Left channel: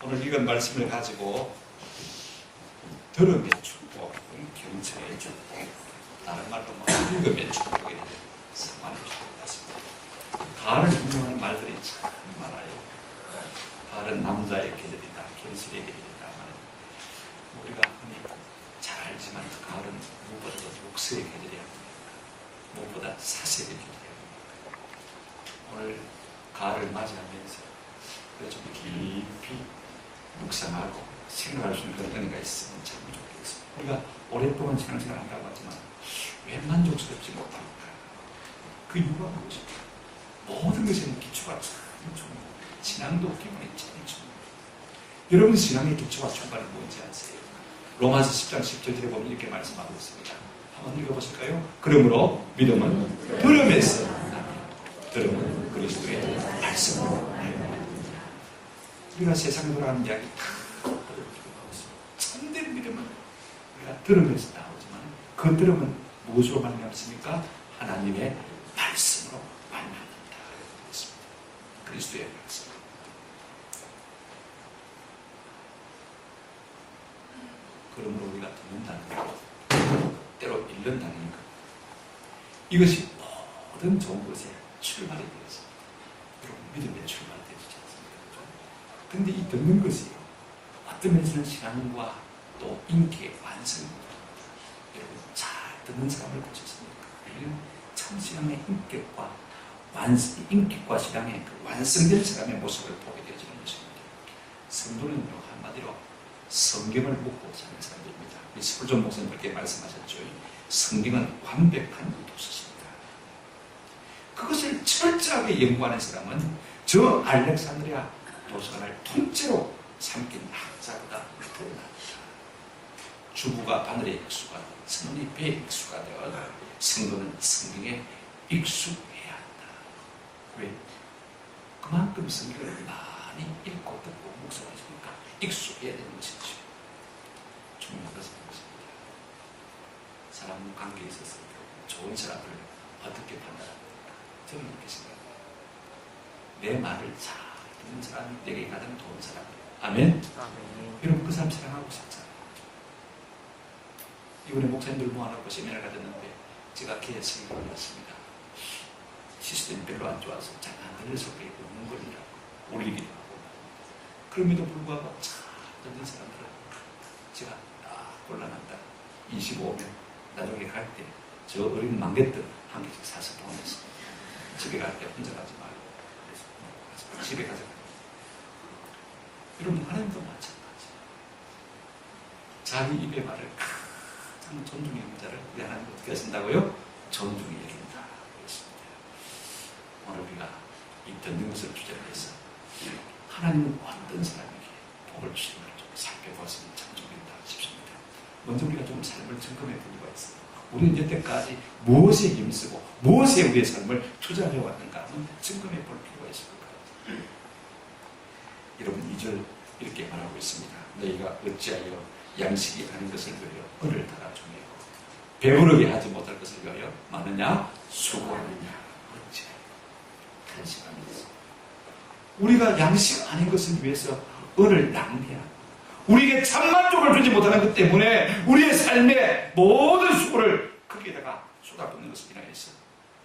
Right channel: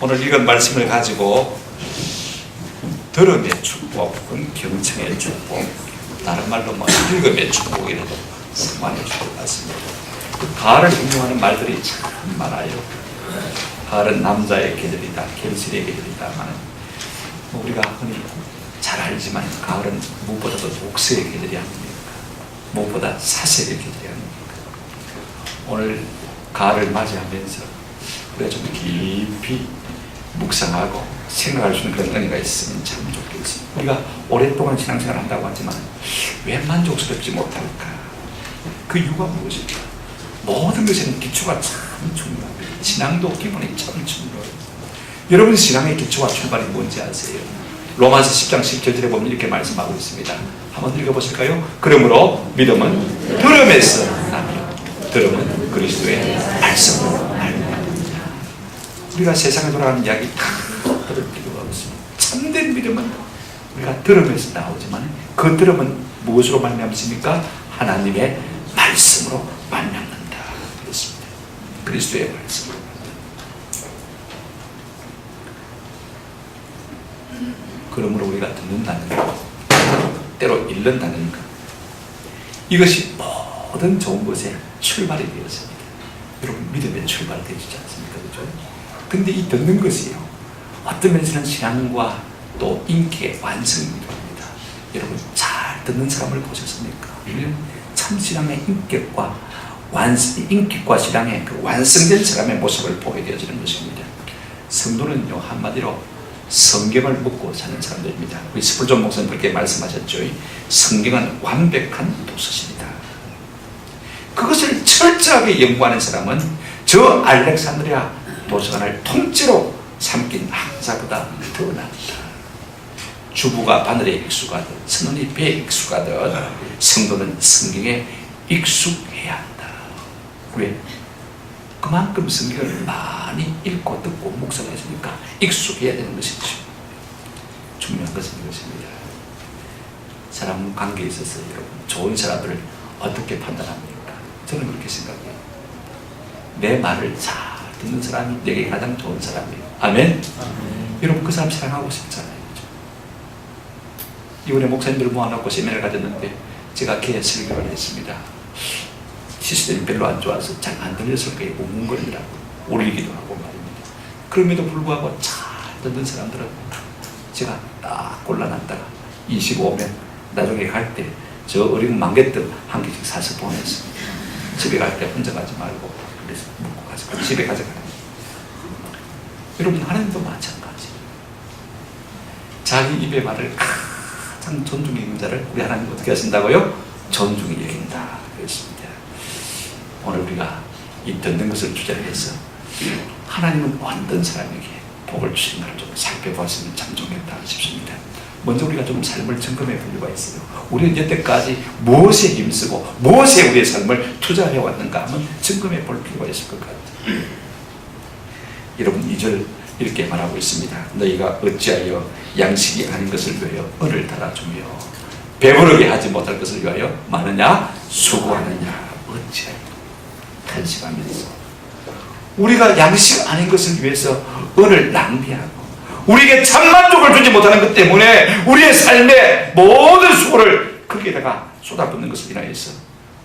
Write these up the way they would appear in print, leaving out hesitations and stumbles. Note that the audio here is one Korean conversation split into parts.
오늘 읽은 말씀을 가지고 들음의 축복은 경청의 축복, 다른 말로 뭐 읽음의 축복이라도 상관해 줄 것 같습니다. 가을을 hình dung 하는 말들이 참 많아요. 가을은 남자의 계절이다, 결실의 계절이다만 우리가 흔히 잘 알지만 가을은 무엇보다도 독서의 계절이 아닙니까? 무엇보다 사색의 계절이 아닙니까? 오늘 가을을 맞이하면서 우리가 좀 깊이 묵상하고 생각할 수 있는 그런 은혜가 있으면 참 좋겠습니다. 우리가 오랫동안 신앙생활을 한다고 하지만 왜 만족스럽지 못할까? 그 이유가 무엇일까? 모든 것에는 기초가 참 중요합니다. 신앙도 기본이 참 중요해요. 여러분 신앙의 기초와 출발이 뭔지 아세요? 로마서 10장 17절에 보면 이렇게 말씀하고 있습니다. 한번 읽어보실까요? 그러므로 믿음은 들음에서 나며 들음은 그리스도의 말씀으로 말미암느니라. 우리가 세상에 돌아가는 이야기 다 들을 필요가 없습니다. 참된 믿음은 우리가 들음에서 나오지만 그 들음은 무엇으로 말미암습니까? 하나님의 말씀으로 말미암는다 그랬습니다. 그리스도의 말씀으로. 그러므로 우리가 듣는다는 것, 때로 읽는다는 것, 이것이 모든 좋은 것의 출발이 되었습니다. 여러분 믿음의 출발이 되지 않습니까? 그렇죠? 근데 이 듣는 것이요, 어떤 면에서는 신앙과 또 인격의 완성이기도 합니다. 여러분 잘 듣는 사람을 보셨습니까? 참 신앙의 인격과 신앙의 그 완성된 사람의 모습을 보게 되어지는 것입니다. 성도는요, 한마디로 성경을 묻고 사는 사람들입니다. 우리 스펄전 목사님 그렇게 말씀하셨죠. 성경은 완벽한 도서입니다. 그것을 철저하게 연구하는 사람은 저 알렉산드리아 도서관을 통째로 삼킨 학자보다 더 낫다. 주부가 바늘에 익숙하듯 선원이 배에 익숙하듯 성도는 성경에 익숙해야 한다. 왜? 그만큼 성경을 많이 읽고 듣고 묵상했으니까 익숙해야 되는 것이죠. 중요한 것은 이것입니다. 사람 관계에 있어서 여러분 좋은 사람들을 어떻게 판단합니까? 저는 그렇게 생각해요. 내 말을 잘 듣는 사람이 내게 가장 좋은 사람이에요. 아멘? 여러분 그 사람 사랑하고 싶잖아요. 이번에 목사님들 모아놓고 세미나를 가졌는데 제가 걔 설교를 했습니다. 시스템이 별로 안 좋아서 잘 안 들렸을 거예요. 웅웅거리더라고. 울리기도 하고 말입니다. 그럼에도 불구하고 잘 듣는 사람들은 제가 딱 골라놨다가 25명 나중에 갈 때 저 어린 망개떡 한 개씩 사서 보냈습니다. 집에 갈 때 혼자 가지 말고 그래서 먹고 가서 집에 가져가요. 여러분 하나님도 마찬가지. 자기 입의 말을 가장 존중히 여긴 자를 우리 하나님 어떻게 하신다고요? 존중히 여긴다 그랬습니다. 오늘 우리가 이 듣는 것을 주제로 해서 하나님은 어떤 사람에게 복을 주시는가를 좀 살펴보았으면 참 좋겠다 싶습니다. 먼저 우리가 좀 삶을 점검해 볼 필요가 있어요. 우리는 여태까지 무엇에 힘쓰고 무엇에 우리의 삶을 투자해 왔는가 한번 점검해 볼 필요가 있을 것 같아요. 여러분 2절 이렇게 말하고 있습니다. 너희가 어찌하여 양식이 아닌 것을 위하여 은을 달아주며 배부르게 하지 못할 것을 위하여 많으냐 수고하느냐. 어찌하여 탄식하면서 우리가 양식 아닌 것을 위해서 은을 낭비하고 우리에게 참만족을 주지 못하는 것 때문에 우리의 삶의 모든 수고를 거기에다가 쏟아붓는 것을 인하여서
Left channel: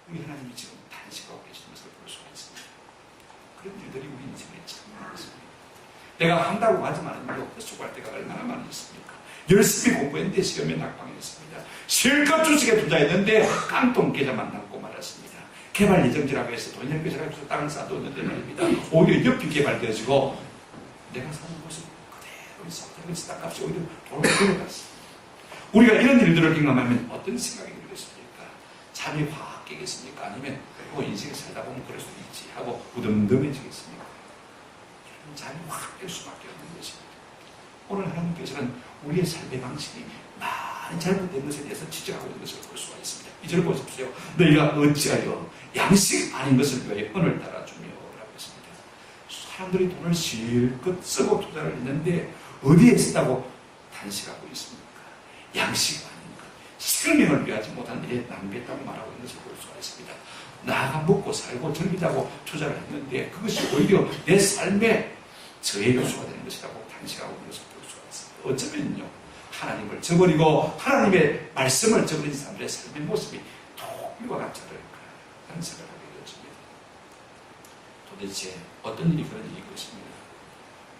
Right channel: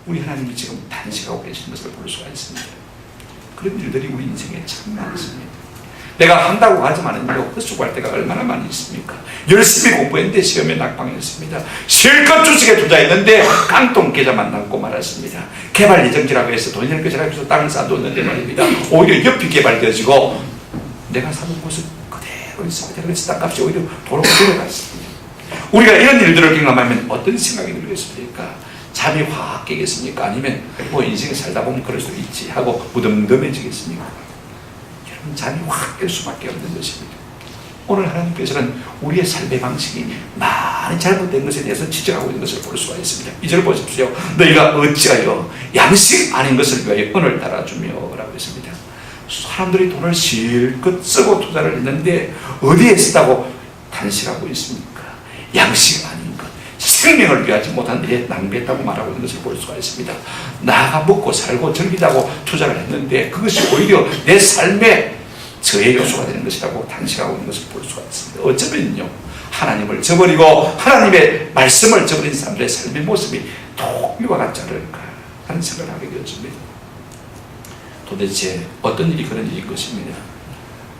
우리 하나님이 지금 탄식하고 계시는 것을 볼 수가 있습니다. 그런 일들이 우리 인생에 참 많습니다. 내가 한다고 하지만은요, 헛수고할 때가 얼마나 많이 있습니까? 열심히 공부했는데 시험에 낙방했습니다. 실컷 주식에 투자했는데 깡통 계좌만 남고 말았습니다. 개발 예정지라고 해서 돈이 될 것이라고 해서 땅을 쌓아뒀는데 말입니다. 오히려 옆이 개발되어지고 내가 사는 곳은 그대로 있습니다. 그래서 땅값이 오히려 도로 들어갔습니다. 우리가 이런 일들을 경험하면 어떤 생각이 들겠습니까? 잠이 확 깨겠습니까? 아니면 뭐 인생에 살다 보면 그럴 수도 있지 하고 무덤덤해지겠습니까? 여러분 잠이 확 깰 수밖에 없는 것입니다. 오늘 하나님께서는 우리의 삶의 방식이 많이 잘못된 것에 대해서 지적하고 있는 것을 볼 수가 있습니다. 2절 보십시오. 너희가 어찌하여 양식 아닌 것을 위하여 은을 달아주며 라고 했습니다. 사람들이 돈을 실컷 쓰고 투자를 했는데 어디에 쓰다고 탄식하고 있습니까? 양식 아닌 것, 생명을 위하지 못한 일에 낭비했다고 말하고 있는 것을 볼 수가 있습니다. 나가 먹고 살고 즐기자고 투자를 했는데 그것이 오히려 내 삶에 저의 요소가 되는 것이라고 단식하고 있는 것을 볼 수가 있습니다. 어쩌면요, 하나님을 저버리고 하나님의 말씀을 저버린 사람들의 삶의 모습이 또 이와 같지 않을까 하는 생각을 하게 되었습니다. 도대체 어떤 일이 그런 일인 것입니다.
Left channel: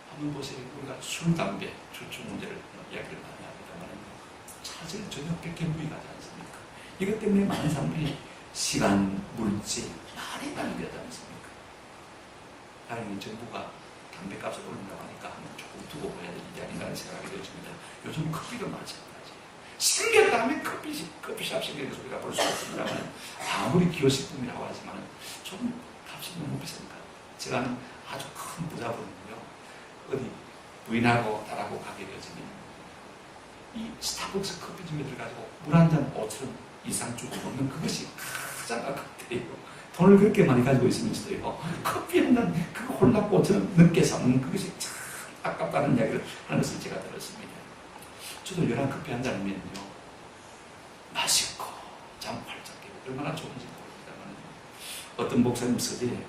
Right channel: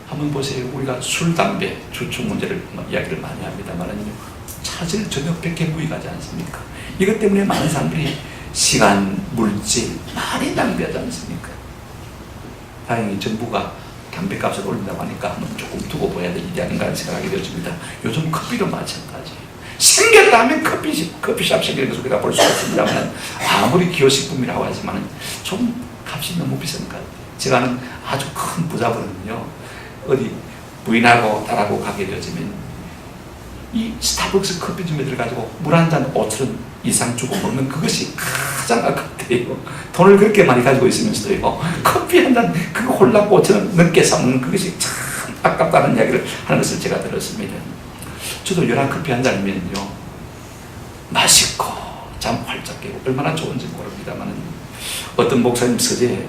한번 보세요. 우리가 술, 담배, 주축 문제를 이야기를 많이 합니다만은요, 사실 전혀 백개무익하지 않습니까? 이것 때문에 많은 사람들이 시간, 물질 많이 낭비하지 않습니까? 다행히 정부가 담배값을 올린다고 하니까 한번 조금 두고 봐야 될 일이 아닌가 하는 생각을 하게 되었습니다. 요즘 커피도 마찬가지예요. 생겼다 하면 커피숍 생기는 것을 우리가 볼 수가 있습니다만, 아무리 기호식품이라고 하지만 좀 값이 너무 비싼 것 같아요. 제가 아는 아주 큰 부자분은요, 어디 부인하고 딸하고 가게 되어지면 이 스타벅스 커피점에 들어가지고 물 한 잔 5,000원 이상 주고 먹는 그것이 가장 아깝대요. 돈을 그렇게 많이 가지고 있으면서도요, 커피 한 잔 그거 홀라 5,000원 넘게 사먹는 그것이 참 아깝다는 이야기를 하는 것을 제가 들었습니다. 저도 연한 커피 한 잔이면요, 맛있고 잠 활짝 깨고 얼마나 좋은지 모릅니다만, 어떤 목사님 서재에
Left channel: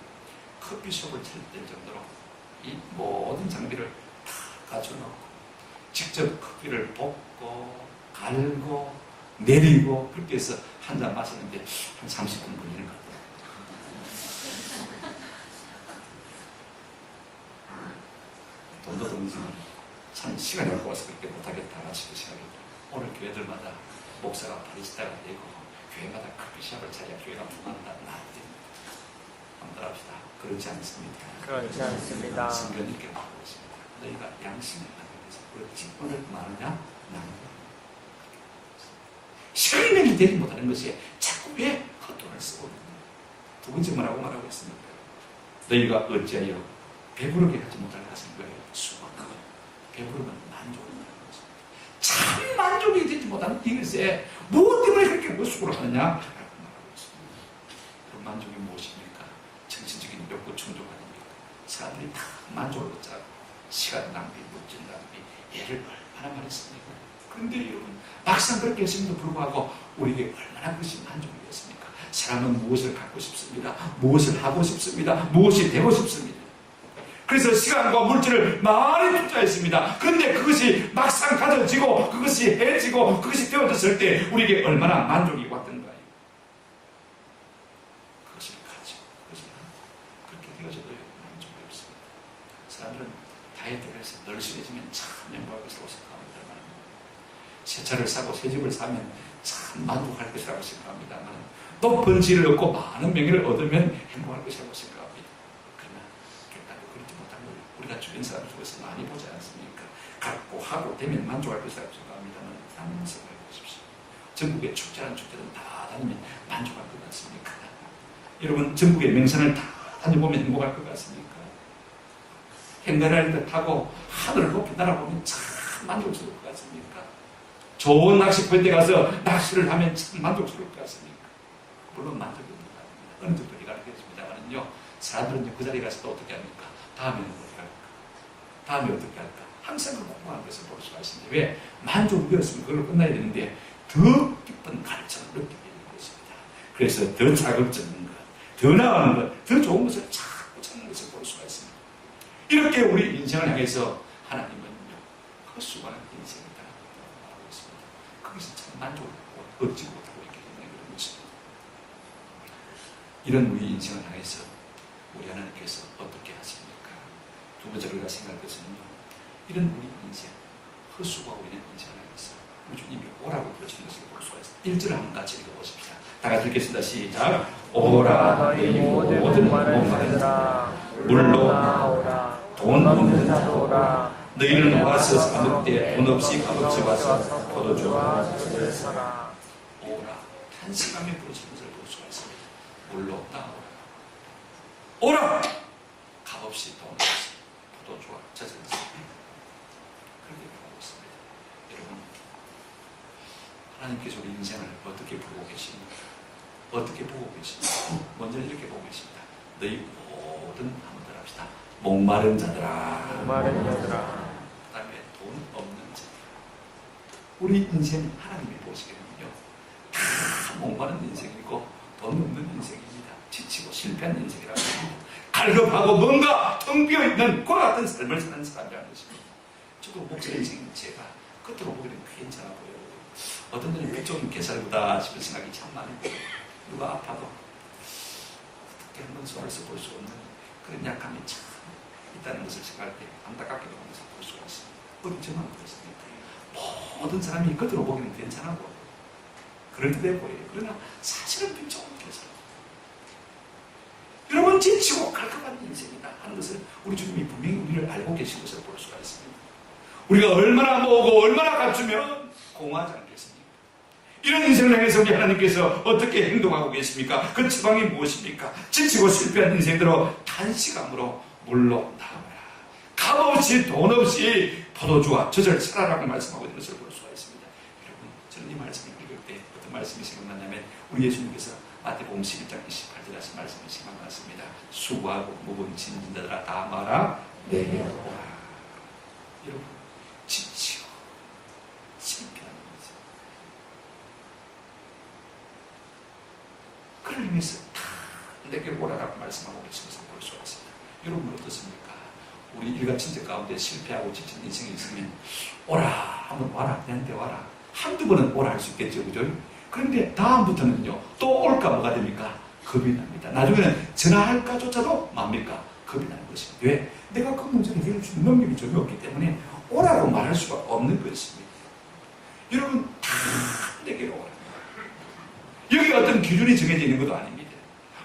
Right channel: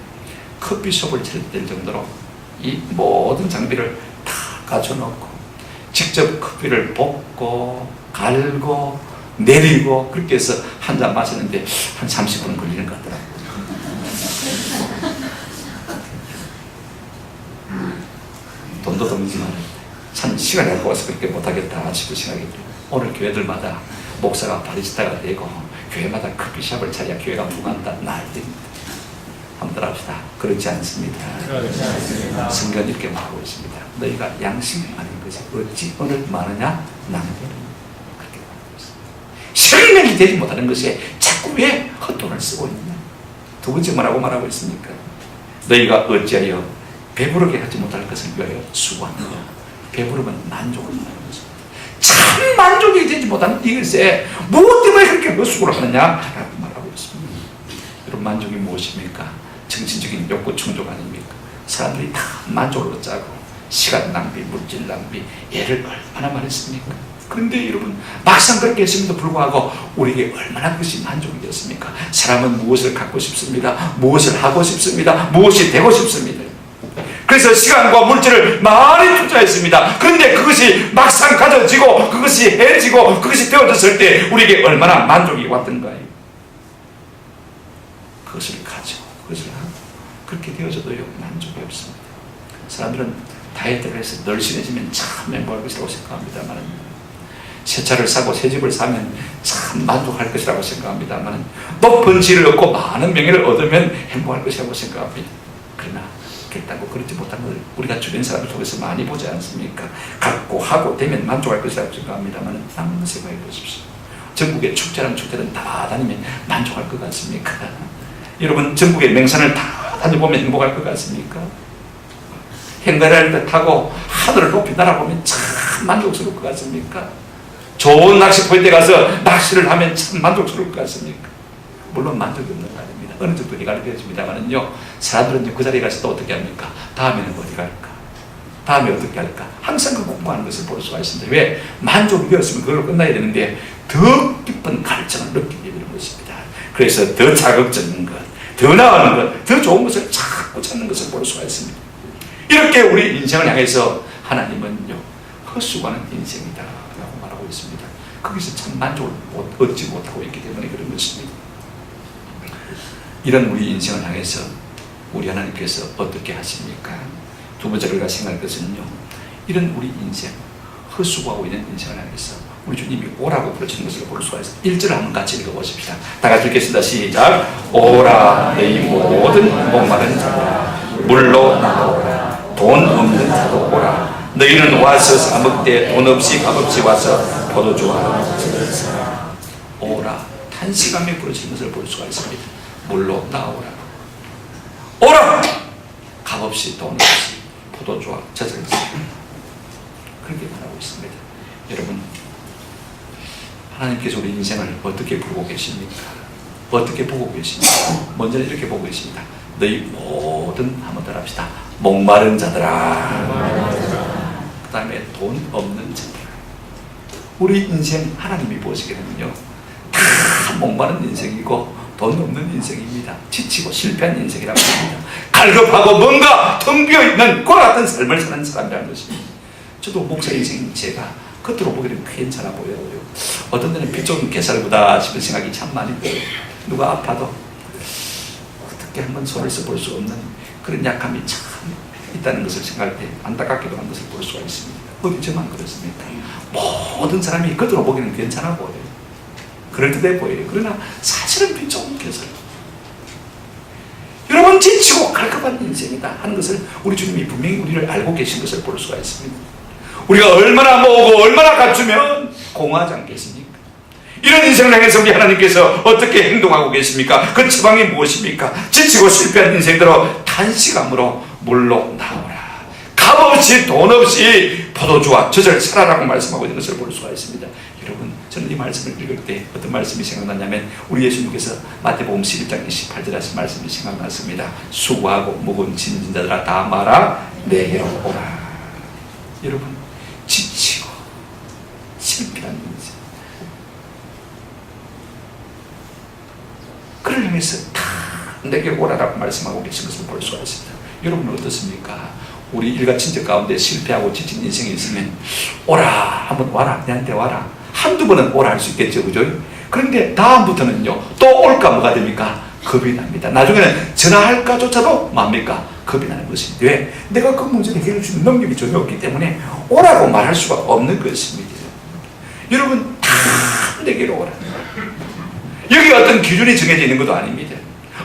커피숍을 차릴 정도로 이 모든 장비를 다 갖춰놓고 직접 커피를 볶고 갈고 내리고 그렇게 해서 한 잔 마시는데 한 30분 걸리는 것 같더라고요. 돈도 돈이지만 참 시간이 아까워서 그렇게 못하겠다 싶은 생각이 들어요. 오늘 교회들마다 목사가 바리스타가 되고 교회마다 커피숍을 차려야 교회가 부간다 난리입니다. 한번 따라합시다. 그렇지 않습니다. 성경은 이렇게 말하고 있습니다. 너희가 양식 아닌 것이 어찌 오늘 많으냐? 낭비를. 그렇게 말하고 있습니다. 생명이 되지 못하는 것에 자꾸 왜 헛돈을 쓰고 있느냐? 두 번째 뭐라고 말하고 있습니까? 너희가 어찌하여 배부르게 하지 못할 것을 위하여 수고하느냐? 배부르면 만족을 말하는 것입니다. 참 만족이 되지 못하는 이것에 무엇 때문에 그렇게 헛수고를 하느냐? 라고 말하고 있습니다. 여러분, 만족이 무엇입니까? 정신적인 욕구 충족 아닙니까? 사람들이 다 만족을 짜고 시간 낭비, 물질 낭비, 애를 얼마나 많이 씁니까? 그런데 여러분, 막상 그렇게 했음에도 불구하고 우리에게 얼마나 그것이 만족이 되었습니까? 사람은 무엇을 갖고 싶습니다. 무엇을 하고 싶습니다. 무엇이 되고 싶습니다. 그래서 시간과 물질을 많이 투자했습니다. 그런데 그것이 막상 가져지고 그것이 해지고 그것이 되어졌을 때 우리에게 얼마나 만족이 왔던가요? 그것을 가지고 그것을 하고 그렇게 되어져도요, 만족이 없습니다. 사람들은 다이어트를 해서 널씬해지면 참 행복할 것이라고 생각합니다만, 새 차를 사고 새 집을 사면 참 만족할 것이라고 생각합니다만, 높은 지를 얻고 많은 명예를 얻으면 행복할 것이라고 생각합니다. 그러나 결단고 그렇지 못한 것을 우리가 주변 사람들 속에서 많이 보지 않습니까? 갖고 하고 되면 만족할 것이라고 생각합니다만, 한번 생각해 보십시오. 전국의 축제라는 축제는 다 다니면 만족할 것 같습니까? 여러분, 전국의 맹산을 다 다녀보면 행복할 것 같습니까? 행가를 타고 하늘을 높이 날아보면 참 만족스러울 것 같습니까? 좋은 낚시 포인트에 가서 낚시를 하면 참 만족스러울 것 같습니까? 물론 만족이 없는 거 아닙니다. 어느 정도 해결이 되어집니다만은요, 사람들은 그 자리에 가서 또 어떻게 합니까? 다음에는 어디 갈까? 다음에 어떻게 할까? 항상 그 공부하는 것을 볼 수가 있습니다. 왜? 만족이 되었으면 그걸로 끝나야 되는데 더 깊은 갈증을 느끼게 되는 것입니다. 그래서 더 자극적인 것, 더 나아가는 것, 더 좋은 것을 자꾸 찾는 것을 볼 수가 있습니다. 이렇게 우리 인생을 향해서 하나님은요, 헛수고하는 인생이다 라고 말하고 있습니다. 거기서 참 만족을 얻지 못하고 있기 때문에 그런 것입니다. 이런 우리 인생을 향해서 우리 하나님께서 어떻게 하십니까? 두 번째로 우리가 생각할 것은요, 이런 우리 인생, 헛수고하고 있는 인생을 향해서 우리 주님이 오라고 부르시는 것을 볼 수가 있습니다. 1절을 한번 같이 읽어보십시다. 다 같이 읽겠습니다. 시작. 오라 너희 모든 목마른 자들아, 물로 나오라. 돈 없는 자도 오라. 너희는 와서 사 먹되 돈 없이 값없이 와서 포도주와 오라. 탄식하며 부르시는 것을 볼 수가 있습니다. 물로 나오라. 오라. 값없이 돈 없이 포도주와 젖을 그렇게 말하고 있습니다. 여러분, 하나님께서 우리 인생을 어떻게 보고 계십니까? 어떻게 보고 계십니까? 먼저는 이렇게 보고 계십니다. 너희 모든, 한번 따라합시다. 목마른 자들아. 그 다음에 돈 없는 자들아. 우리 인생 하나님이 보시기에는요, 다 목마른 인생이고 돈 없는 인생입니다. 지치고 실패한 인생이라고 합니다. 갈급하고 뭔가 텅 비어있는 과 같은 삶을 사는 사람이라는 것입니다. 저도 목사 인생인 제가 겉으로 보기에는 괜찮아 보여요. 어떤 데는 피 좋은 개살보다 싶은 생각이 참 많이 들어요. 누가 아파도 어떻게 한번 손을 써볼 수 없는 그런 약함이 참 있다는 것을 생각할 때 안타깝기도 한 것을 볼 수가 있습니다. 어디 저만 그렇습니까? 모든 사람이 겉으로 보기에는 괜찮아 보여요. 그럴듯해 보여요. 그러나 사실은 피 좋은 개살. 여러분, 지치고 갈급한 인생이다 하는 것을 우리 주님이 분명히 우리를 알고 계신 것을 볼 수가 있습니다. 우리가 얼마나 모으고 얼마나 갖추면 공허하지 않겠습니까? 이런 인생을 향해서 우리 하나님께서 어떻게 행동하고 계십니까? 그 처방이 무엇입니까? 지치고 실패한 인생들로 단시감으로 물로 나오라. 값없이 돈 없이 포도주와 젖을 살아라고 말씀하고 있는 것을 볼 수가 있습니다. 여러분, 저는 이 말씀을 읽을 때 어떤 말씀이 생각났냐면 우리 예수님께서 마태복음 11장 28절 하신 말씀이 생각났습니다. 수고하고 무거운 짐진 자들아 다 마라 내게로 오라. 여러분, 지치고 실패한 인생, 그를 향해서 다 내게 오라라고 말씀하고 계신 것을 볼 수가 있습니다. 여러분은 어떻습니까? 우리 일가 친척 가운데 실패하고 지친 인생이 있으면 오라, 한번 와라, 내한테 와라. 한두 번은 오라 할 수 있겠죠, 그죠? 그런데 다음부터는요, 또 올까 뭐가 됩니까? 겁이 납니다. 나중에는 전화할까조차도 뭡니까? 겁이 나는 것입니다. 왜? 내가 그 문제를 해결할 수 있는 능력이 전혀 없기 때문에 오라고 말할 수가 없는 것입니다. 여러분, 다 내게로 오라. 여기 어떤 기준이 정해져 있는 것도 아닙니다.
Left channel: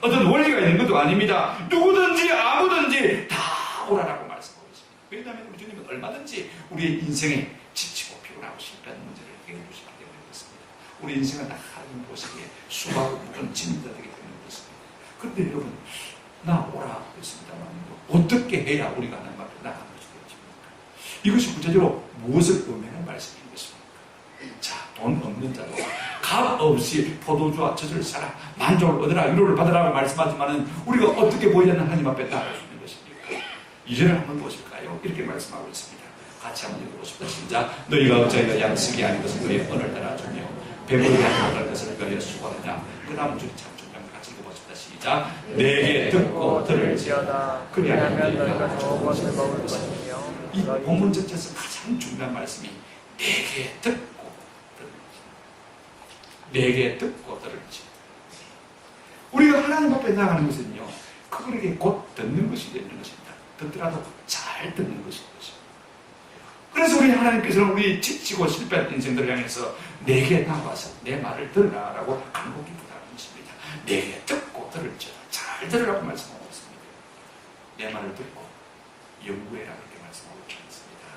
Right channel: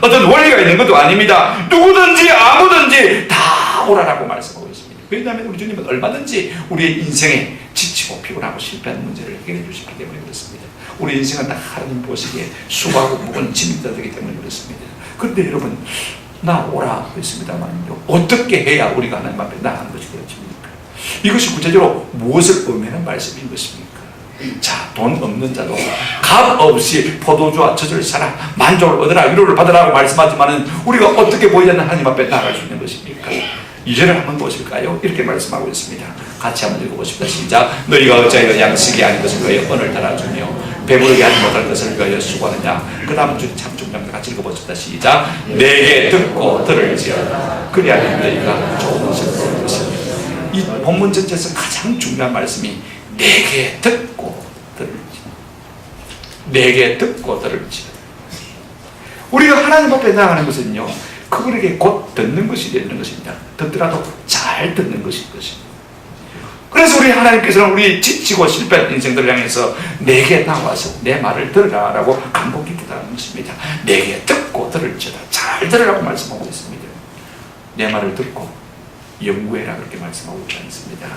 어떤 원리가 있는 것도 아닙니다. 누구든지 아무든지 다 오라라고 말씀하고 있습니다. 왜냐하면 우리 주님은 얼마든지 우리의 인생에 지치고 피곤하고 실패하는 문제를 해결해 주시기 때문에 그렇습니다. 우리 인생은 다 하나님 보시기에 수고하고 무거운 짐이 되기 때문에 그렇습니다. 그런데 여러분, 나 오라 그랬습니다만요, 어떻게 해야 우리가 하나님 앞에 나가는 것이 그렇습니까? 이것이 구체적으로 무엇을 의미하는 말씀인 것입니까? 자, 돈 없는 자도 값 없이 포도주와 젖을 사라, 만족을 얻으라, 위로를 받으라고 말씀하지만은 우리가 어떻게 보이자는 하나님 앞에 나아갈 수 있는 것입니까? 2절을 한번 보실까요? 이렇게 말씀하고 있습니다. 같이 한번 읽어보십시다. 시작. 너희가 어찌하여 양식이 아닌 것을 위하여 언을 달아주며 배부르게 하지 못할 것을 위하여 수고하느냐. 그 다음 줄이 참 중요합니다. 같이 읽어보십시다. 시작. 내게 듣고 들을지어다. 그리하면 너희가 좋은 것을 얻을 것이며. 이 본문 전체에서 가장 중요한 말씀이 내게 듣고 들을지어다. 내게 듣고 들을지어다. 우리가 하나님 앞에 나가는 것은요, 그분에게 곧 듣는 것이 되는 것입니다. 듣더라도 잘 듣는 것인 것입니다. 그래서 우리 하나님께서는 우리 지치고 실패한 인생들을 향해서 내게 나와서 내 말을 들으라 라고 간곡히 부탁하는 것입니다. 내게 듣고 들을지어다. 잘 들으라고 말씀하고 있습니다. 내 말을 듣고 연구해라 그렇게 말씀하고 있지 않습니다.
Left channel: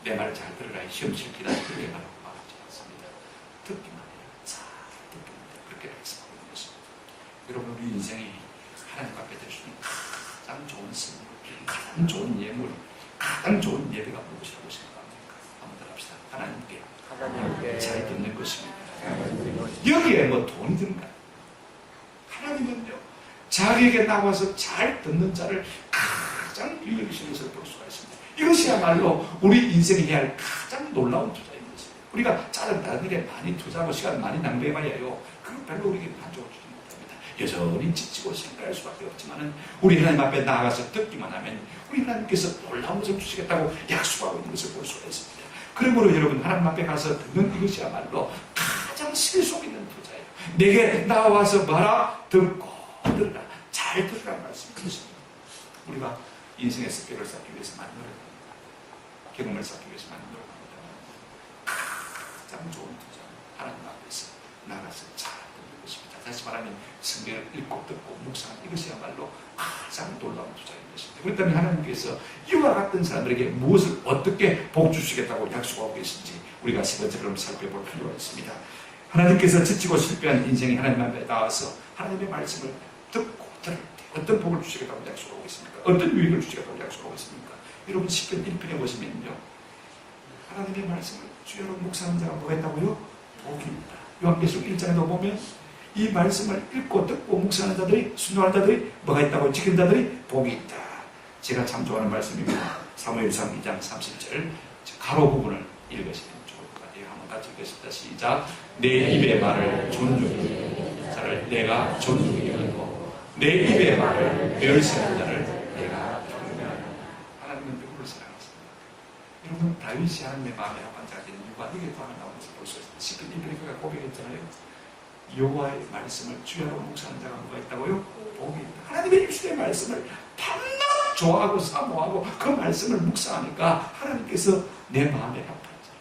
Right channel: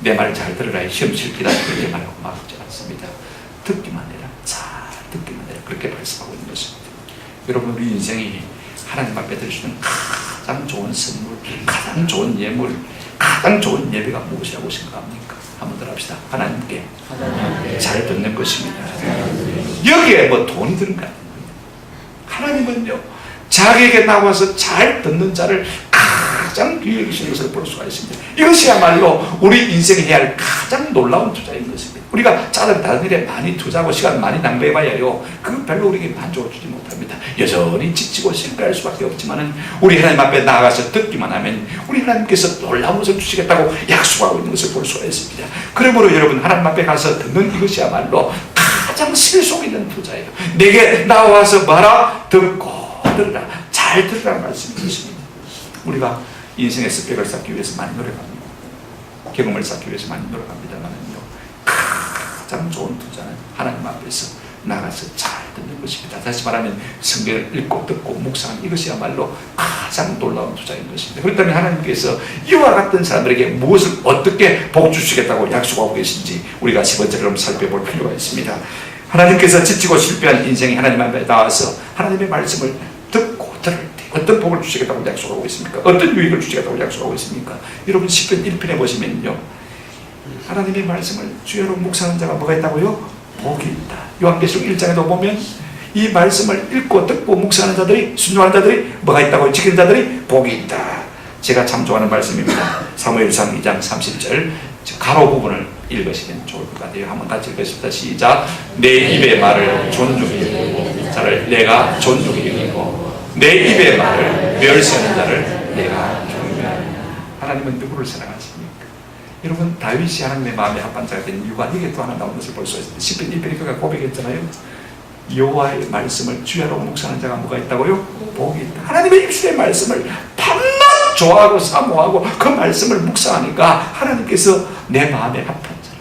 내 말을 잘 들으라, 시험 칠기다 그렇게 말하고 말하지 않습니다. 듣기만 해라, 잘 듣기만 해라 그렇게 말씀하고 있는 것입니다. 여러분, 우리 인생이 하나님 앞에 드릴 수 있는 가장 좋은 선물, 가장 좋은 예물, 가장 좋은 예배가 무엇이라고 생각합니까? 한번 더 합시다. 하나님께 잘 듣는 것입니다. 여기에 뭐 돈이 드는 거 아닙니다. 하나님은요, 자기에게 나와서 잘 듣는 자를 가장 귀히 여기시는 것을 볼 수가 있습니다. 이것이야말로 우리 인생에 해야 할 가장 놀라운 투자인 것입니다. 우리가 다른 일에 많이 투자하고 시간을 많이 낭비해봐야요, 그 별로 우리에게 만족을 주지 못합니다. 여전히 지치고 실패할 수밖에 없지만은 우리 하나님 앞에 나아가서 듣기만 하면 우리 하나님께서 놀라운 것을 주시겠다고 약속하고 있는 것을 볼 수가 있습니다. 그러므로 여러분, 하나님 앞에 가서 듣는 이것이야말로 가장 실속 있는 투자예요. 내게 나와서 말아, 듣고 들으라, 잘 들으라는 말씀이십니다. 우리가 인생의 스펙을 쌓기 위해서 많이 노력합니다. 경험을 쌓기 위해서 많이 노력합니다만요, 가장 좋은 투자는 하나님 앞에서 나가서 잘 듣는 것입니다. 다시 말하면 성경을 읽고 듣고 묵상하는 이것이야말로 가장 놀라운 투자인 것입니다. 그렇다면 하나님께서 이와 같은 사람들에게 무엇을 어떻게 복 주시겠다고 약속하고 계신지 우리가 10번째로 살펴볼 필요가 있습니다. 하나님께서 지치고 실패한 인생이 하나님 앞에 나와서 하나님의 말씀을 듣고 들을 때 어떤 복을 주시겠다고 약속하고 있습니까? 어떤 유익을 주시겠다고 약속하고 있습니까? 여러분, 10편 1편에 보시면요, 하나님의 말씀을 주여로 묵상하는 자가 뭐가 있다고요? 복이 있다. 요한계시록 1장에도 보면 이 말씀을 읽고 듣고 묵상하는 자들이, 순종하는 자들이 뭐가 있다고요? 지키는 자들이 복이 있다. 제가 참 좋아하는 말씀입니다. 사무엘상 2장 30절 가로 부분을 읽으시면 좋을 것 같아요. 한번 같이 읽겠습니다. 시작. 내 입의 말을 존중히 여기고 자를 내가 존중히 여기고 내 입의 말을 멸시하는 자를 내가 경멸하노라. 하나님은 누구를 사랑하십니까? 여러분, 다윗이 하나님의 마음에 합반자가 된 이유가 이게 또 하나 나오는 것을 볼 수 있습니다. 시편 1편이 고백했잖아요. 여호와의 말씀을 주야로 묵상하는 자가 뭐가 있다고요? 복이 있다. 하나님의 입술의 말씀을 밤낮 좋아하고 사모하고 그 말씀을 묵상하니까 하나님께서 내 마음에 합한 자라.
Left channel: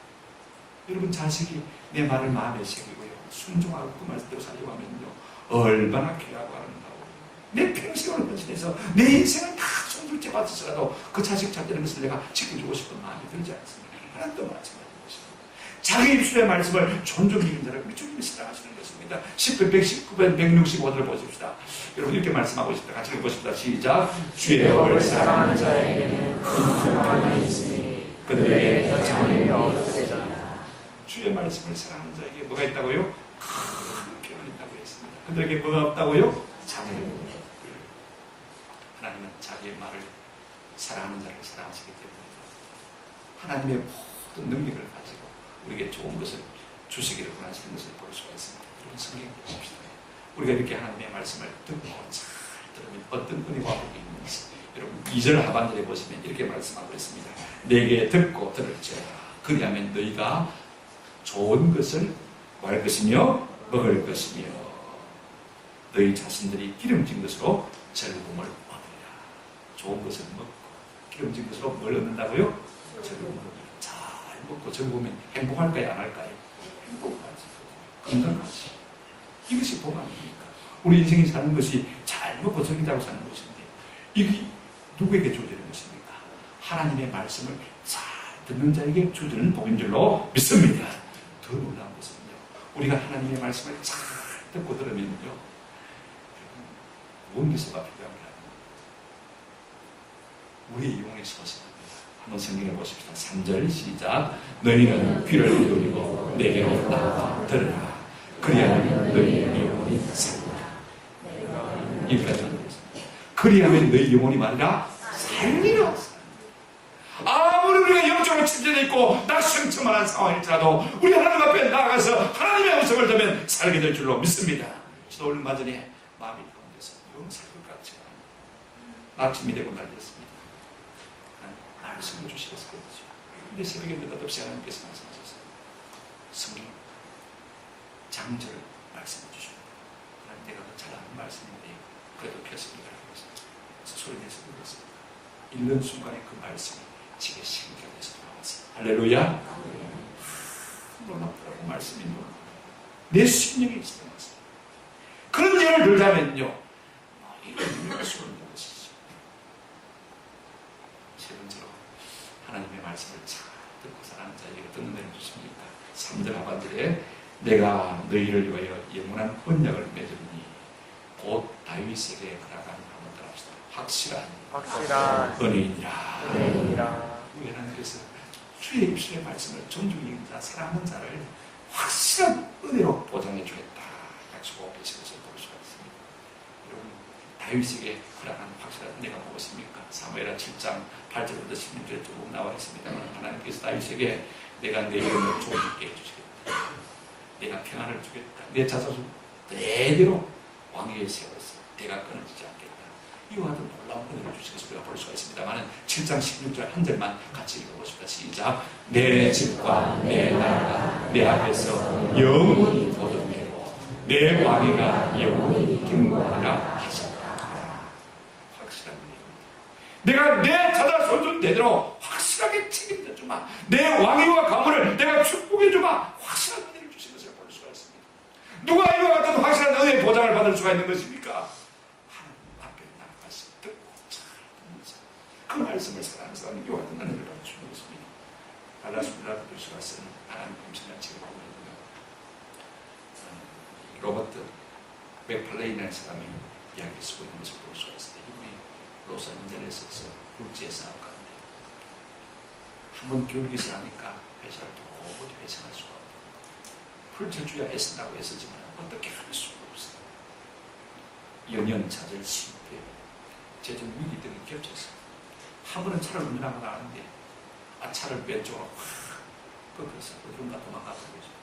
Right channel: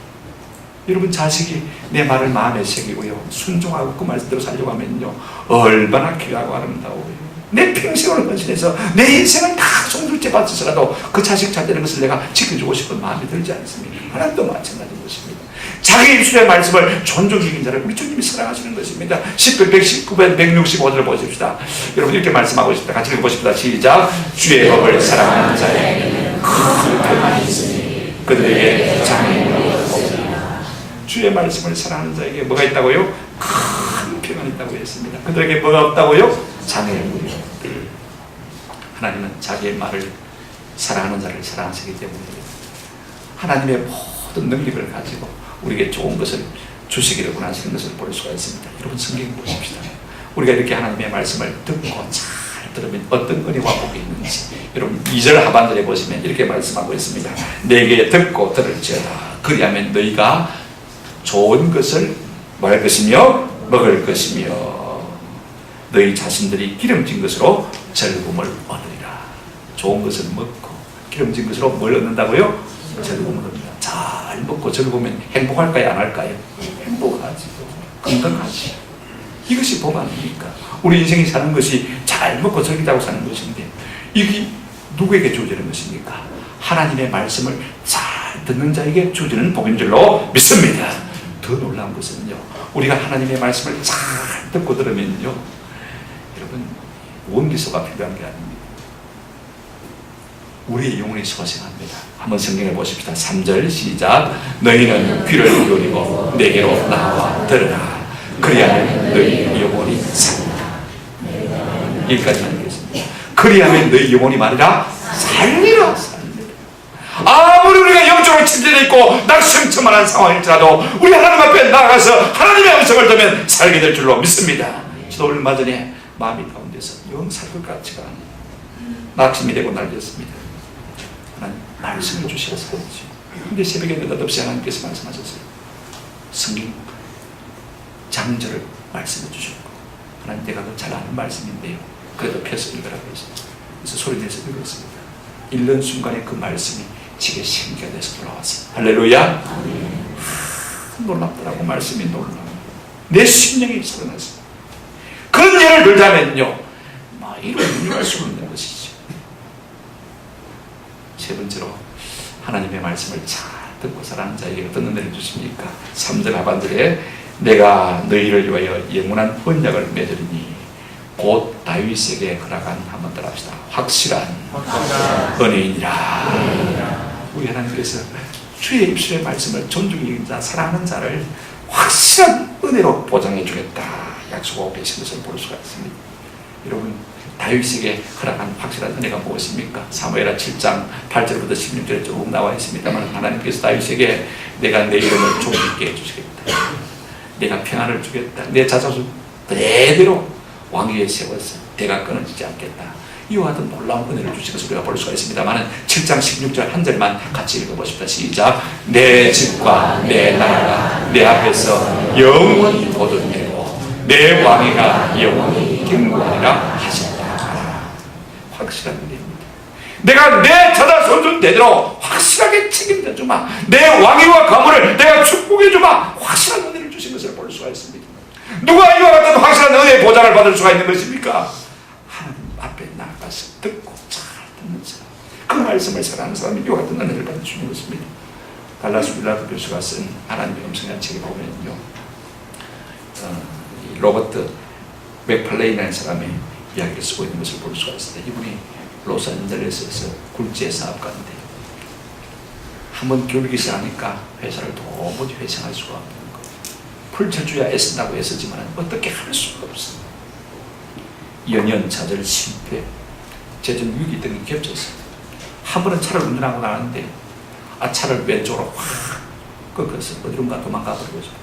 여러분, 자식이 내 말을 마음에 새기고요 순종하고 그 말씀대로 살려고 하면요 얼마나 귀하고 아름다워요. 내 평생을 헌신해서 내 인생을 다 송두리째 바쳐서라도 그 자식 잘 되는 것을 내가 지켜주고 싶은 마음이 들지 않습니까? 하나님도 마찬가지인 것입니다. 자기 입술의 말씀을 존중히 여긴 자를 우리 주님이 사랑하시는 것입니다. 10편 119편 165절을 보십시다. 여러분, 이렇게 말씀하고 있습니다. 같이 읽어보십시다. 시작. 주의 법을 사랑하는 자에게는 큰 평안이 있으니 그들에게 장애물이 없으리라. 주의 말씀을 사랑하는 자에게 뭐가 있다고요? 큰 평안이 있다고 했습니다. 그들에게 뭐가 없다고요? 장애물이 없다. 하나님은 자기의 말을 사랑하는 자를 사랑하시기 때문에 하나님의 모든 능력을 가지고 우리에게 좋은 것을 주시기를 원하시는 것을 볼 수가 있습니다. 여러분, 성경 보십시다. 우리가 이렇게 하나님의 말씀을 듣고 잘 들으면 어떤 은혜와 복이 있는지 여러분 2절 하반절에 보시면 이렇게 말씀하고 있습니다. 내게 듣고 들을지어다. 그리하면 너희가 좋은 것을 뭐 할 것이며 먹을 것이며 너희 자신들이 기름진 것으로 즐거움을 얻으리라. 좋은 것을 먹고 기름진 것으로 뭘 얻는다고요? 즐거움을 얻는다. 잘 먹고 즐거우면 행복할까요? 안 할까요? 행복하지. 건강하지. 이것이 복 아닙니까? 우리 인생이 사는 것이 잘 먹고 즐기자고 사는 것인데 이게 누구에게 주어지는 것입니까? 하나님의 말씀을 잘 듣는 자에게 주어지는 복인 줄로 믿습니다. 더 놀라운 것은요, 우리가 하나님의 말씀을 잘 듣고 들으면요 여러분, 원기소가 필요한 게 아닙니다. 우리의 영혼이 소생합니다. 한번 성경에 보십시다. 3절 시작. 너희는 귀를 기울이고 내게로 나와 들으라. 그리하면 너희 영혼이 살리라. 여기까지만 읽겠습니다. 그리하면 너희 영혼이 말이라 살리라. 아무리 우리가 영적으로 침체되어 있고 낙심천만한 상황일지라도 우리 하나님 앞에 나아가서 하나님의 음성을 들으면 살게 될 줄로 믿습니다. 저도 얼마 전에 마음이 가운데서 영 살 것 같지가 않아요. 낙심이 되고 날렸습니다. 하나님 말씀을 주시라 살리죠. 근데 새벽에 느닷없이 하나님께서 말씀하셨어요. 성경 장절을 말씀해 주셨고 하나님 내가 더 잘 아는 말씀인데요 그래도 펴서 읽으라고 했어요. 그래서 소리내서 읽었습니다. 읽는 순간에 그 말씀이 제게 생기가 돼서 돌아왔어요. 할렐루야. 놀랍더라고. 말씀이 놀라워. 내 심령이 살아났어요. 그런 예를 들자면요 이런 의미할 수 없는 것이죠. 세 번째로 하나님의 말씀을 잘 듣고 살아가는 자에게 어떤 은혜를 주십니까? 3절 하반절에 내가 너희를 위하여 영원한 언약을 맺으리니 곧 다윗에게 허락한, 한번 따라 합시다. 확실한 은혜이니라. 우리 하나님께서 주의 입술의 말씀을 존중히 여긴 자, 사랑하는 자를 확실한 은혜로 보장해 주겠다 약속하고 계신 것을 볼 수가 있습니다. 여러분, 다윗에게 허락한 확실한 은혜가 무엇입니까? 사무엘하 7장 8절부터 16절에 조금 나와 있습니다만 하나님께서 다윗에게 내가 내 이름을 존귀케 해주시겠다, 내가 평안을 주겠다, 내 자손을 대대로 왕위에 세워서 대가 끊어지지 않겠다, 이와 같은 놀라운 은혜를 주신 것을 우리가 볼 수가 있습니다만 7장 16절 한 절만 같이 읽어보십시다. 시작. 내 집과 내 나라가 내 앞에서 영원히 보존되고 내 왕위가 영원히 경고하리라 하신다. 확실한 은혜입니다. 내가 내 자손 손손 대대로 확실하게 책임져 주마, 내 왕위와 가문을 내가 축복해 주마, 확실한 은혜를 주신 것을 볼 수가 있습니다. 누가 이와 같은 확실한 은혜의 보장을 받을 수가 있는 것입니까? 하나님 앞에 나가서 듣고 잘 듣는 사람, 그 말씀을 사랑하는 사람이 이와 같은 은혜를 받을 수 있는 것입니다. 달라스 윌라드 교수가 쓴 하나님의 음성이라는 책에 보면요, 로버트 맥팔레인이라는 사람의 이야기를 쓰고 있는 것을 볼 수가 있습니다. 이분이 로스앤젤레스에서 굴지의 사업가인데 한번 교육이 시작하니까 회사를 도무지 회생할 수가 없는 거예요. 풀쳐줘야 애쓴다고 애쓰지만 어떻게 할 수가 없어요. 연연자절 실패, 재정 위기 등이 겹쳤어요. 한 번은 차를 운전하고 나왔는데 차를 왼쪽으로 확 꺾어서 어디론가 도망가 버리고 싶어.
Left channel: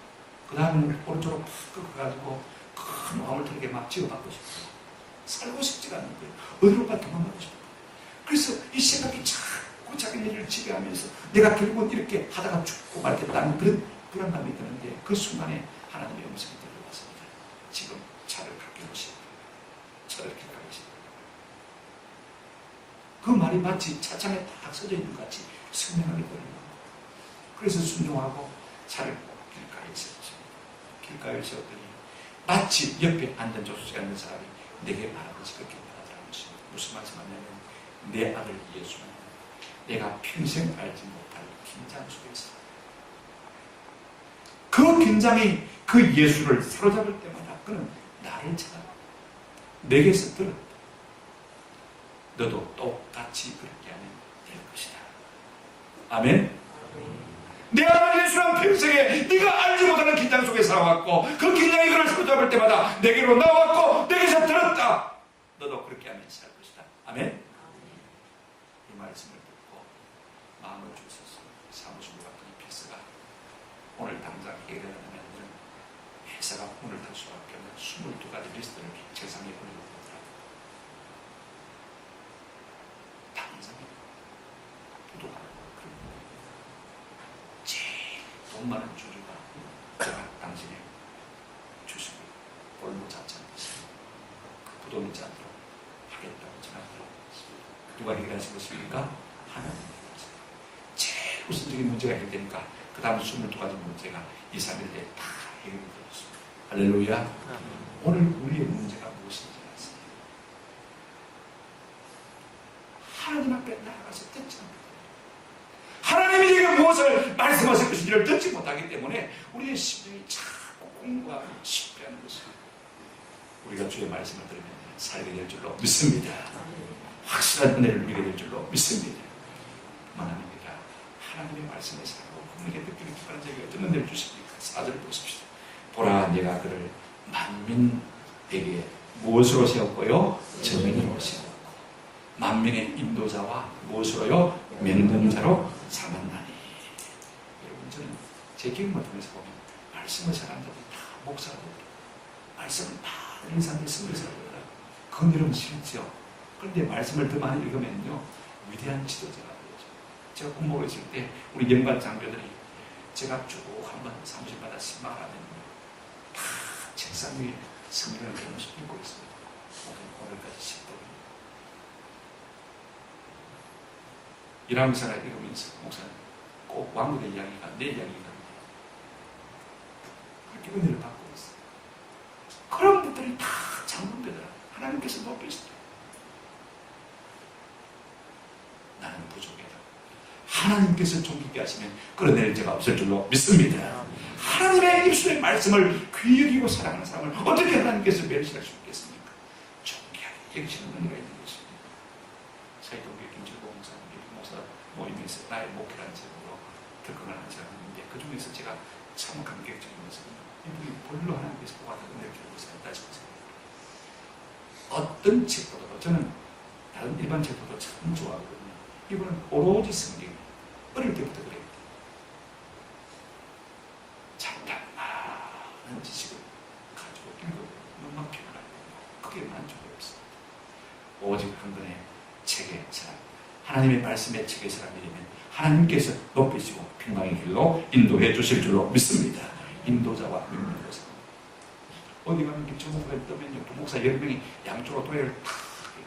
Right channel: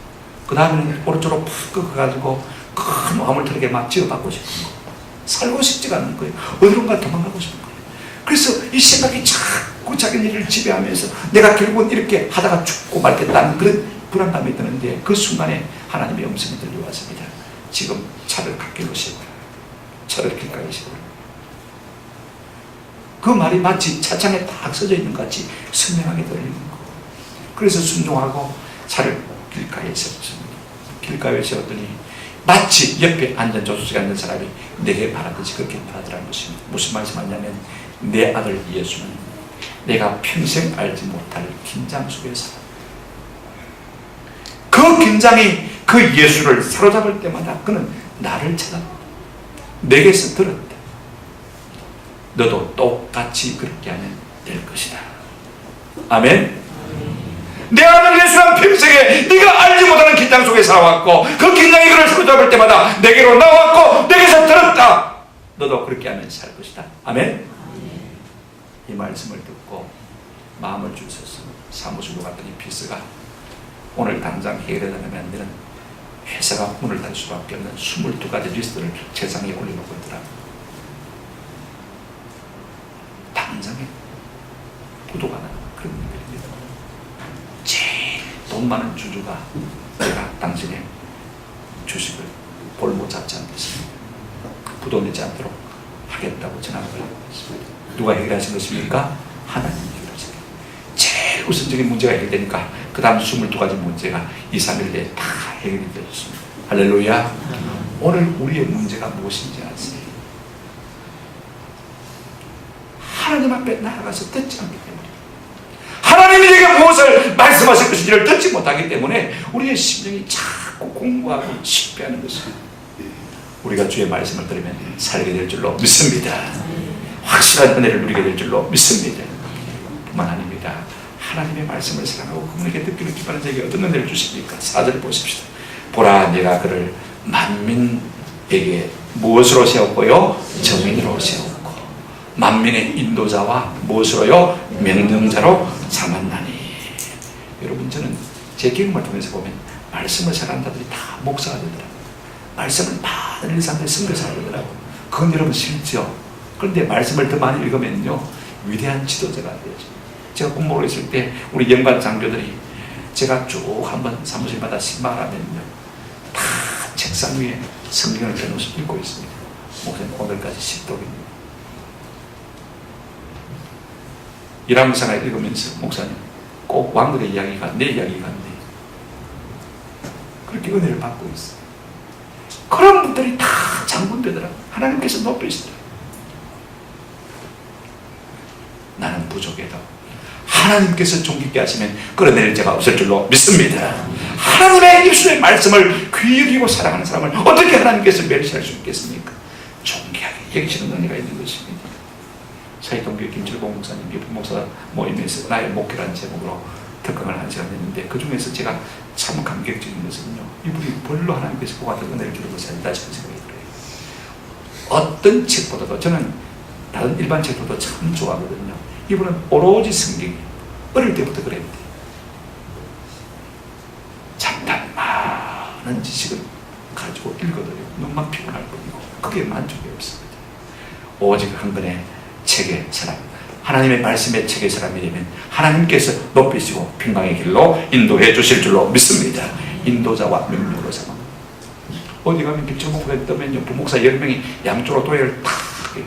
그 다음에는 오른쪽으로 푹 꺾어가지고 큰 화물트럭에 막 지어받고 싶은 거. 살고 싶지가 않은 거예요. 어디론가 도망가고 싶은 거예요. 그래서 이 생각이 자꾸 자기 일을 지배하면서 내가 결국은 이렇게 하다가 죽고 말겠다는 그런 불안감이 드는데, 그 순간에 하나님의 음성이 들려왔습니다. 지금 차를 갓길로 세우라. 차를 길가에 세우라. 그 말이 마치 차창에 딱 써져 있는 것 같이 선명하게 들리는 거. 그래서 순종하고 차를 길가에 세웠습니다. 길가에 세웠더니 마치 옆에 앉은 조수석에 앉은 사람이 내게 말하듯이 그렇게 말하더라는 것입니다. 무슨 말씀하냐면, 내 아들 예수는 내가 평생 알지 못할 긴장 속에 살아. 그 긴장이 그 예수를 사로잡을 때마다 그는 나를 찾아 내게서 들었다. 너도 똑같이 그렇게 하면 될 것이다. 아멘. 내 아들 예수는 평생에 네가 알지 못하는 긴장 속에 살아왔고, 그 긴장이 그를 사로잡을 때마다 내게로 나왔고 내게서 들었다. 너도 그렇게 하면 살 것이다. 아멘. 이 말씀을 듣고 마음을 주셔서 사무실로 갔더니 비서가 오늘 당장 해결해달라면 안 되는 회사가 문을 닫을 수밖에 없는 22가지 리스트를 세상에 올려놓고 있더라고요. 당장에 부도가 나는 그런 일입니다. 제일 돈 많은 주주가 내가 당신의 주식을 볼모 잡지 않겠습니다. 부도 내지 않도록 하겠다고 전화를 했습니다. 누가 해결하신 것입니까? 하나님이 해결하신 거예요. 제일 우선적인 문제가 해결되니까 그 다음 22가지 문제가 2, 3일 내에 다 해결이 되었습니다. 할렐루야. 오늘 우리의 문제가 무엇인지 아세요? 하나님 앞에 나아가서 듣지 않기 때문에, 하나님이 내게 무엇을 말씀하실 것인지를 듣지 못하기 때문에 우리의 심령이 자꾸 공부하고 실패하는 것입니다. 우리가 주의 말씀을 들으면 살게 될 줄로 믿습니다. 확실한 은혜를 누리게 될 줄로 믿습니다. 뿐만 아닙니다. 하나님의 말씀을 사랑하고 그분에게 듣기를 기뻐하는 자에게 어떤 은혜를 주십니까? 4절 보십시다. 보라, 내가 그를 만민에게 무엇으로 세웠고요? 정인으로 세웠고, 만민의 인도자와 무엇으로요? 명령자로 삼았나니. 여러분, 저는 제 경험을 통해서 보면 말씀을 사랑하는 자들이 다 목사가 되더라고요. 말씀을 많은 일상들이 선교사가 되더라고요. 그건 여러분 싫죠? 그런데 말씀을 더 많이 읽으면요, 위대한 지도자가 되죠. 제가 공부를 했을 때 우리 연관 장교들이 제가 쭉 한번 사무실마다 신방을 하면요, 다 책상 위에 성경을 펴놓으서 읽고 있습니다. 목사님 오늘까지 10독입니다. 일하면서 읽으면서 목사님 꼭 왕들의 이야기가 내 이야기 같네, 그렇게 은혜를 받고 있어요. 그런 분들이 다 장군되더라고요. 하나님께서 높이시더라고요. 나는 부족해도 하나님께서 존귀케 하시면 끌어내릴 자가 없을 줄로 믿습니다. 하나님의 입술의 말씀을 귀히 여기고 사랑하는 사람을 어떻게 하나님께서 멸시할 수 있겠습니까? 존귀하게 여기시는 은혜가 있는 것입니다. 사이동교회 김철봉 목사님, 유부 목사 모임에서 나의 목회라는 제목으로 특강을 한 시간 했는데, 그 중에서 제가 참 감격적인 것은요, 이분이 별로 하나님께서 보았던 은혜를 주는 것이 아니다 싶은 생각이 들어요. 어떤 책보다도, 저는 다른 일반 책보다 참 좋아하거든요. 이분은 오로지 성경, 어릴 때부터 그랬는데 참단 많은 지식을 가지고 읽어도 눈만 피곤할 뿐이고 그게 만족이 없습니다. 오직 한 권의 책의 사람, 하나님의 말씀의 책의 사람이 되면 하나님께서 높이시고 평강의 길로 인도해 주실 줄로 믿습니다. 인도자와 명령으로 삼아. 어디 가면 김철목에 뜨면요, 부목사 10명이 양쪽으로 도예를 탁 해요.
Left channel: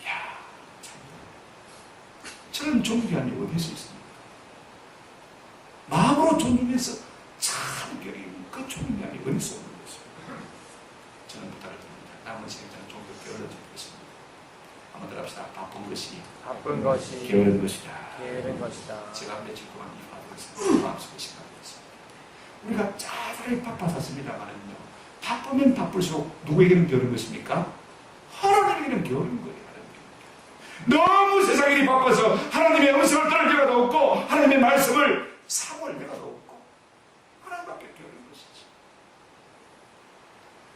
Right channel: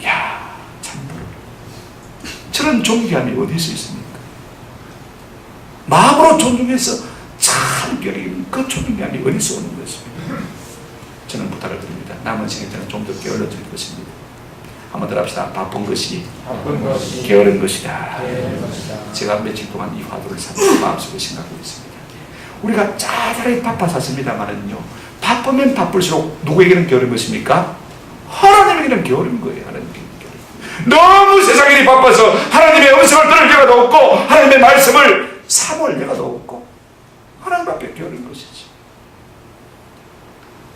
이야, 참 저런 존귀함이 어디서 있습니까? 마음으로 존중해서 참 여기는 그 존귀함이 어디서 오는 것입니까? 저는 부탁을 드립니다. 남은 시간 저는 좀 더 게을러 드릴 것입니다. 한번 더 합시다. 바쁜 것이 게으른 것이다. 제가 며칠 동안 이 화두를 마음속에 생각하고 있습니다. 우리가 짜잘하게 바빴었습니다만은요, 바쁘면 바쁠수록 누구에게는 게으른 것입니까? 하나님에게는 게으른 거예요. 하나님께는 게으른. 너무 세상 일이 바빠서 하나님의 음성을 들을 여가도 없고 하나님의 말씀을 사모할 여가도 없고 하나님 앞에 게으른 것이지.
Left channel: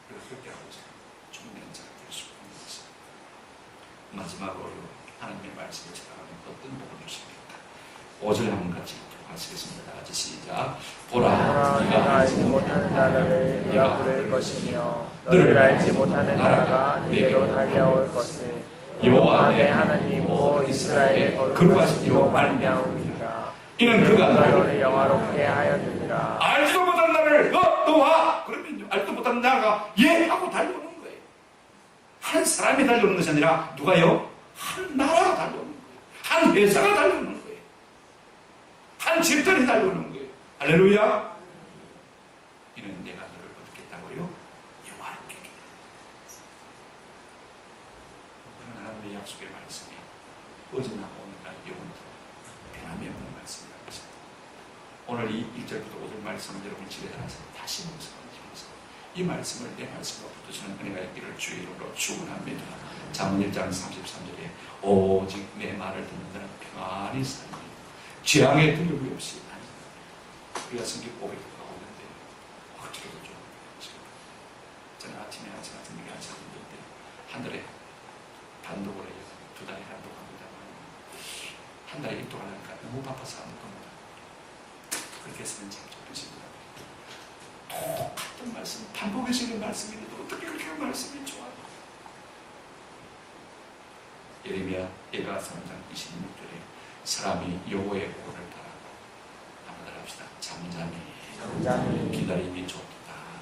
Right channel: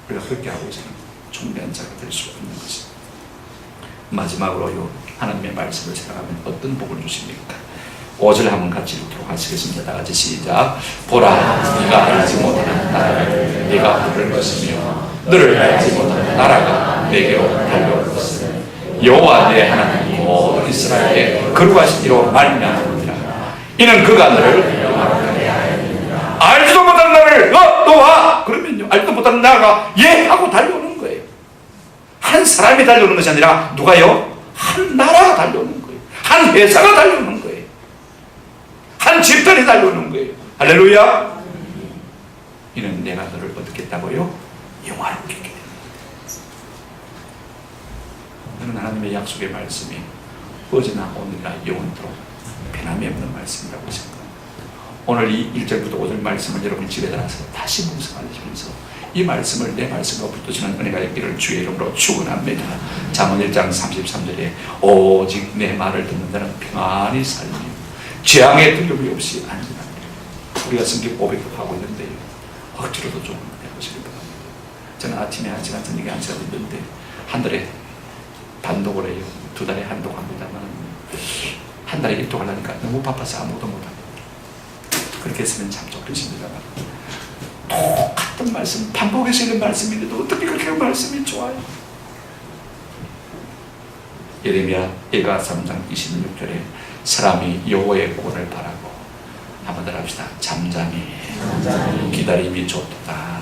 우리가 그렇게 하고 있으면 존귀한 자가 될 수 없는 것입니다. 마지막으로요, 하나님의 말씀을 생각하면 어떤 복을 주십니까? 5절 한번 같이 읽도록 하시겠습니다. 다 같이 시작. 보라, 네가 알지 못하는 나라를 네가 부를 것이며 너를 알지 못하는 나라가 내게로 달려올 것을 여호와 내 하나님 곧 이스라엘의 거룩하신 이로 말미암으리라. 이는 그가 너를 영화롭게 하였느니라. 알지도 못하는 나라를 너 와. 그러면요, 알지도 못하는 나라가 예 하고 달려오는 거예요. 한 사람이 달려오는 것이 아니라 누가요? 한 나라가 달려오는 거예요. 한 회사가 달려오는 거예요. 한 집단이 달려오는 거예요. 할렐루야. 이는 내가 너를 어떻게 했다고요? 영화롭게 했기 때문에. 너는 하나님의 약속의 말씀이 어제나 오늘이나 영원토록 변함이 없는 말씀이라고 생각합니다. 오늘 이 1절부터 5절 말씀을 여러분 집에 나가서 다시 묵상하시면서 이 말씀을 내 말씀과 붙드시는 은혜가 있기를 주의 이름으로 축원합니다. 잠언 1장 33절에 오직 내 말을 듣는 자는 평안히 살며 재앙의 두려움이 없이 안전합니다. 우리가 성경 고백도 하고 있는데요, 억지로도 좀 해보시기 바랍니다. 저는 아침에 1시간, 저녁에 1시간 듣는데 한 달에 단독을 해요. 2달에 한독 합니다만 한 달에 1독 하려니까 너무 바빠서 아무것도 못합니다. 그렇게 했으면 참 좋겠습니다만 똑같은 말씀, 반복해서 있는 말씀인데도 어떻게 그렇게 말씀이 좋아요? 예레미야 3장 26절에 사람이 여호와의 구원을 바라고 한번 더 합시다. 잠잠히 기다림이 좋다.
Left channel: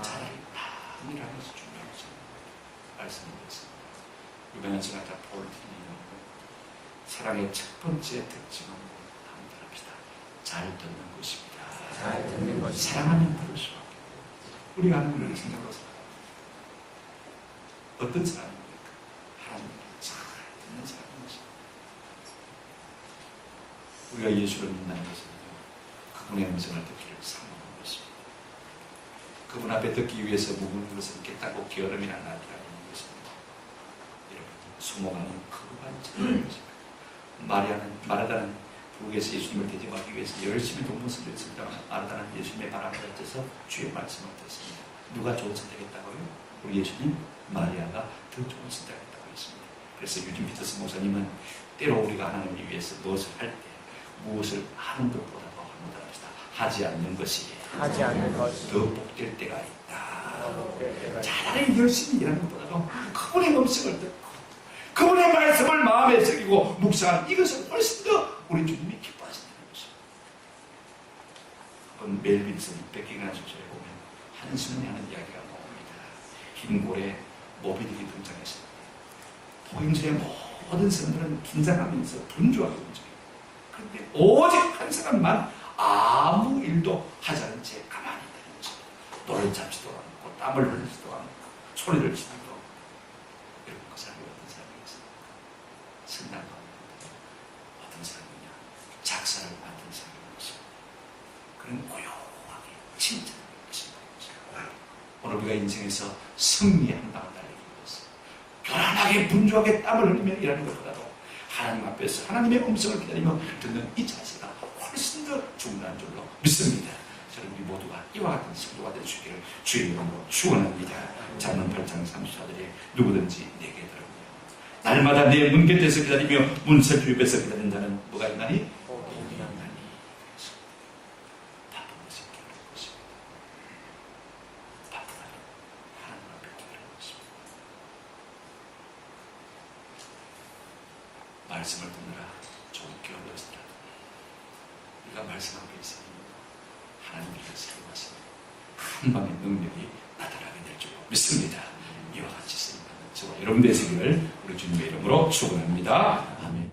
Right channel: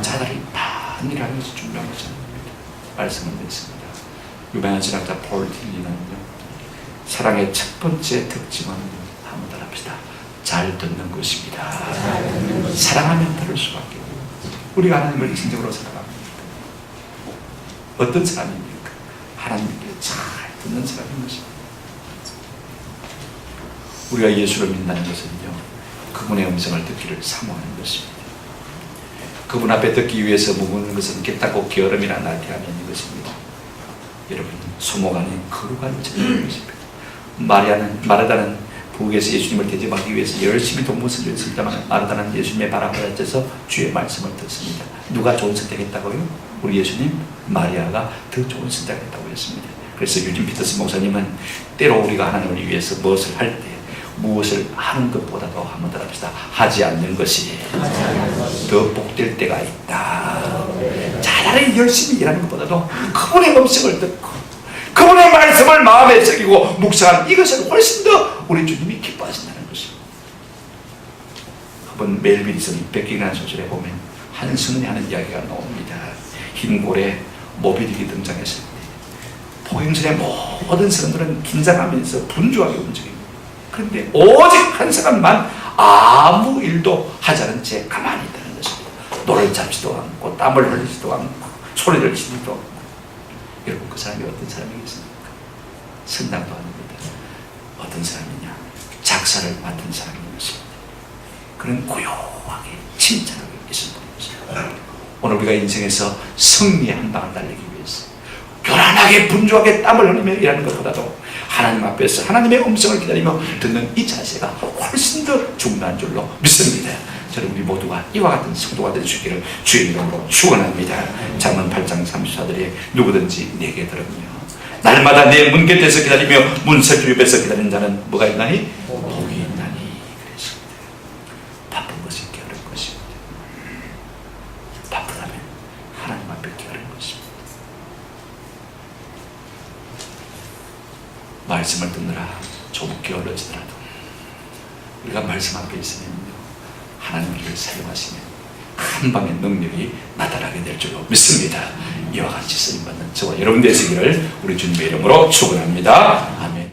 자다리 반이라면서 중요한 것입니다. 말씀을 드렸습니다. 유명한 신학자 폴 틸리는요, 사랑의 첫 번째 특징은 한번 더 합시다. 잘 듣는 것입니다. 사랑하면 들을 수밖에 없어요. 우리가 하나님을 진정으로 사랑합니다. 어떤 사람입니까? 하나님께 잘 듣는 사람인 것입니다. 우리가 예수를 믿는다는 것은요, 그분의 음성을 듣기를 사모하는 것입니다. 그분 앞에 듣기 위해서 머무는 것은 깨닫고 게으름이나 나태함이 것입니다. 여러분, 소모가 아닌 거룩한 자인 것입니다. 마르다는 부엌에서 예수님을 대접하기 위해서 열심히 동무서를 했습니다만 마르다는 예수님의 발 앞에 앉아서 주의 말씀을 듣습니다. 누가 좋은 선택했다고요? 우리 예수님, 마리아가 더 좋은 선택했다고 했습니다. 그래서 유진 피터스 목사님은 때로 우리가 하나님을 위해서 무엇을 할 때 무엇을 하는 것보다도 한번 더 합시다. 하지 않는 것이 더 복될 때가 있다. 차라리 열심히 일하는 것보다도 그분의 음성을 듣고 그분의 말씀을 마음에 새기고 묵상하는 이것을 훨씬 더 우리 주님이 기뻐하신다는 것입니다. 한번 멜빈슨 백기라는 소설에 보면 한 성인이 하는 이야기가 나옵니다. 흰 고래 모비딕이 등장했을 때 포행선의 모든 사람들은 긴장하면서 분주하게 움직입니다. 그런데 오직 한 사람만 아무 일도 하지 않은 채 가만히 있다는 것입니다. 노를 잡지도 않고 땀을 흘리지도 않고 소리를 지르지도 않고. 여러분, 그 사람이 어떤 사람이겠습니까? 선장도 아닙니다. 어떤 사람이냐? 작사를 맡은 사람인 것입니다. 그는 고요하게 침착하게 있었던 것입니다. 오늘 우리가 인생에서 승리의 한 방을 달리기 위해서 교란하게 분주하게 땀을 흘리며 일하는 것보다도 하나님 앞에서 하나님의 음성을 기다리며 듣는 이 자세가 훨씬 더 중요한 줄로 믿습니다. 저는 우리 모두가 이와 같은 성도가 될 수 있기를 주의 이름으로 축원합니다. 잠언 8장 34절에 누구든지 내게 들으며 날마다 내 문 곁에서 기다리며 문설주 옆에서 기다리는 자는 뭐가 있나니? 복이 있나니. 그랬습니다. 바쁜 것이 게으른 것입니다. 바쁘다면 하나님 앞에 게으른 것입니다. 말씀을 듣느라 좀 게을러지더라도 우리가 말씀 앞에 있으면요, 하나님 우리를 사용하시면 한 방의 능력이 나타나게 될 줄로 믿습니다. 이와 같이 쓰임받는 저와 여러분 되시기를 우리 주님의 이름으로 축원합니다. 아멘.